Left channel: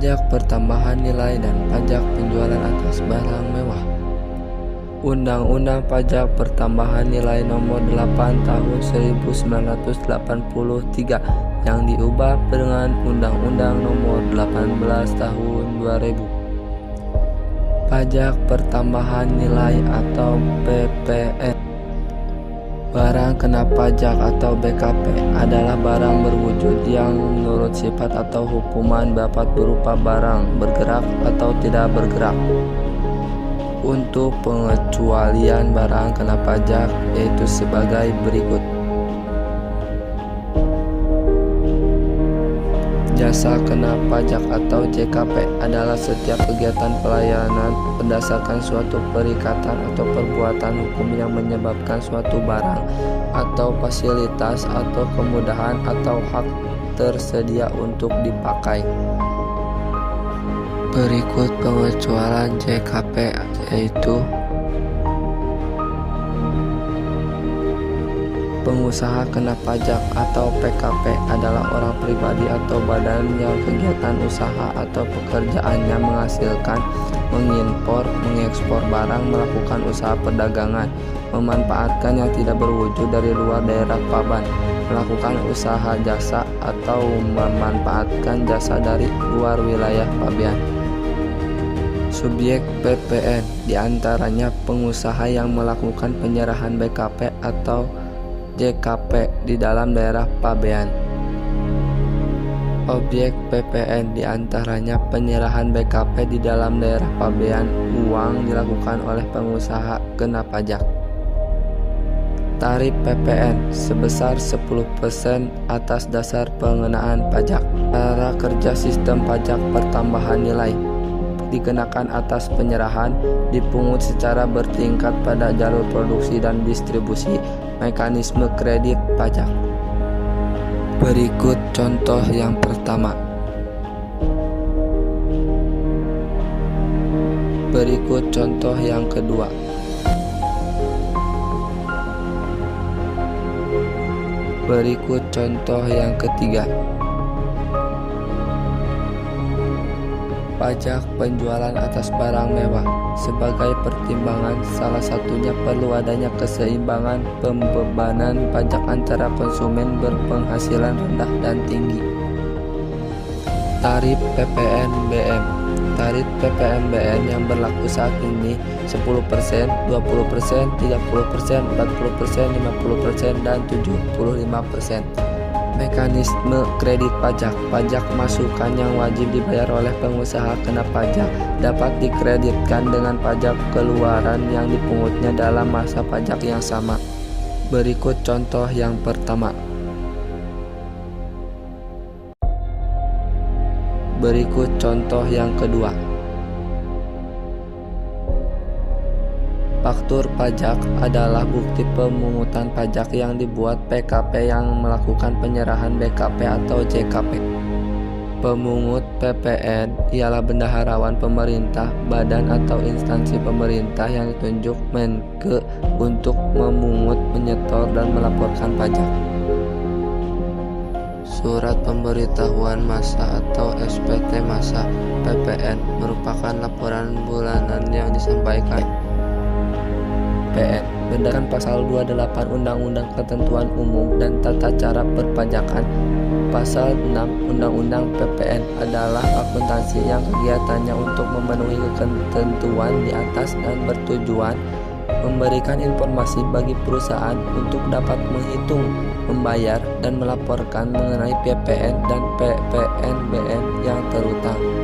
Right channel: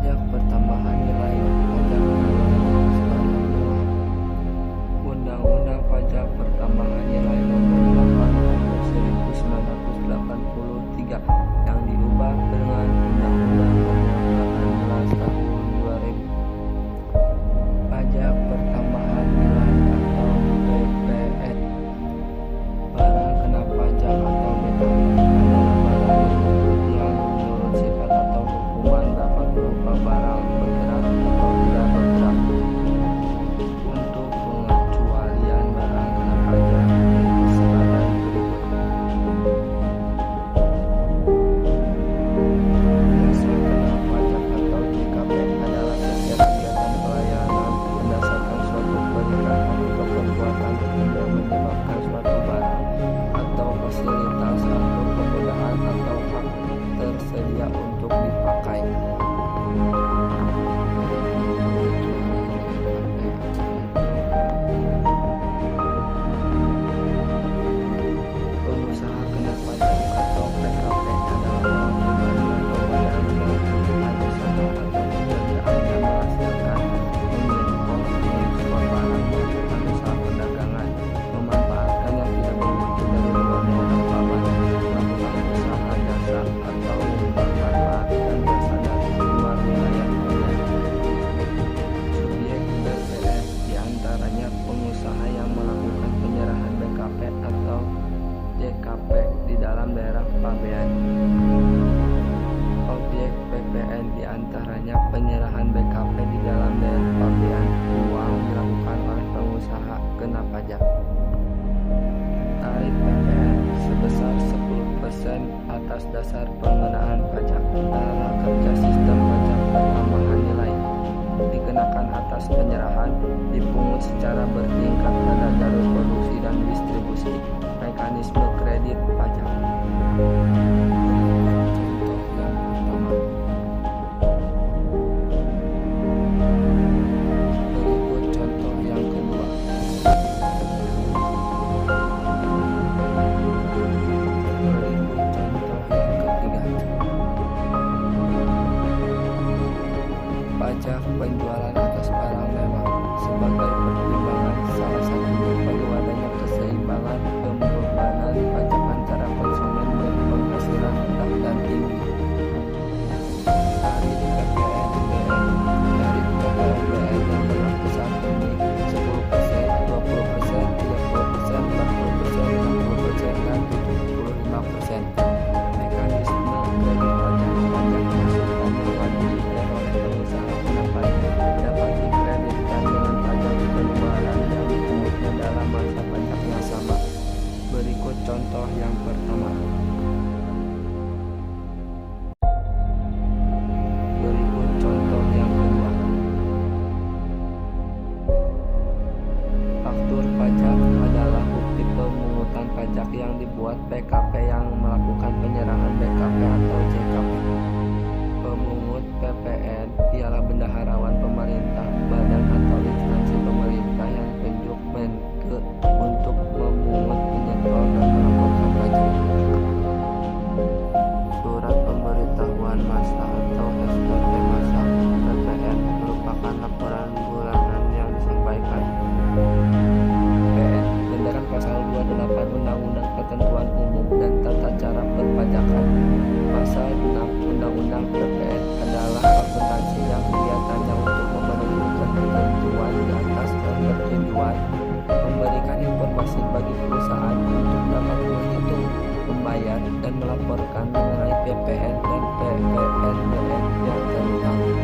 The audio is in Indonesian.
Pajak pertambahan nilai dan pajak penjualan atas barang mewah. Undang-Undang Pajak Pertambahan Nilai Nomor 8 Tahun 1983 yang diubah dengan Undang-Undang Nomor 18 Tahun 2000. Pajak Pertambahan Nilai atau PPN. Barang kena pajak atau BKP adalah barang berwujud yang menurut sifat atau hukuman dapat berupa barang bergerak atau tidak bergerak. Untuk pengecualian barang kena pajak yaitu sebagai berikut. Jasa kena pajak atau JKP adalah setiap kegiatan pelayanan berdasarkan suatu perikatan atau perbuatan hukum yang menyebabkan suatu barang atau fasilitas atau kemudahan atau hak tersedia untuk dipakai. Berikut pengecualian JKP yaitu pengusaha kena pajak atau PKP adalah orang pribadi atau badan yang kegiatan usaha atau pekerjaannya menghasilkan, mengimpor, mengekspor barang, melakukan usaha perdagangan, memanfaatkan yang tidak berwujud dari luar daerah Paban, melakukan usaha jasa atau memanfaatkan jasa dari luar wilayah Pabean. Subjek PPN diantaranya pengusaha yang melakukan penyerahan BKP atau JKP di dalam daerah Pabean. Objek PPN diantaranya penyerahan BKP di dalam daerah Pabean. Uang dilakukan oleh pengusaha kena pajak. Tarif PPN sebesar 10% atas dasar pengenaan pajak. Cara kerja sistem pajak pertambahan nilai dikenakan atas penyerahan, dipungut secara bertingkat pada jalur produksi dan distribusi. Mekanisme kredit pajak. Berikut contoh yang pertama. Berikut contoh yang kedua. Berikut contoh yang ketiga. Pajak penjualan atas barang mewah. Sebagai pertimbangan, salah satunya perlu adanya keseimbangan pembebanan pajak antara konsumen berpenghasilan rendah dan tinggi. Tarif PPNBM. Tarif PPNBM yang berlaku saat ini 10%, 20%, 30%, 40%, 50%, dan 75%. Mekanisme kredit pajak. Pajak masukan yang wajib dibayar oleh pengusaha kena pajak dapat dikreditkan dengan pajak keluaran yang dipungutnya dalam masa pajak yang sama. Berikut contoh yang pertama. Berikut contoh yang kedua. Faktur pajak adalah bukti pemungutan pajak yang dibuat PKP yang melakukan penyerahan BKP atau JKP. Pemungut PPN ialah bendaharawan pemerintah, badan atau instansi pemerintah yang ditunjuk Menke untuk memungut, menyetor, dan melaporkan pajak. Surat pemberitahuan masa atau SPT masa PPN merupakan laporan bulanan yang disampaikan PN berdasarkan pasal 28 Undang-Undang Ketentuan Umum dan Tata Cara Perpajakan. Pasal 6 Undang-Undang PPN adalah akuntansi yang kegiatannya untuk memenuhi ketentuan di atas dan bertujuan memberikan informasi bagi perusahaan untuk dapat menghitung, membayar, dan melaporkan mengenai PPN dan PPNBM yang terutang.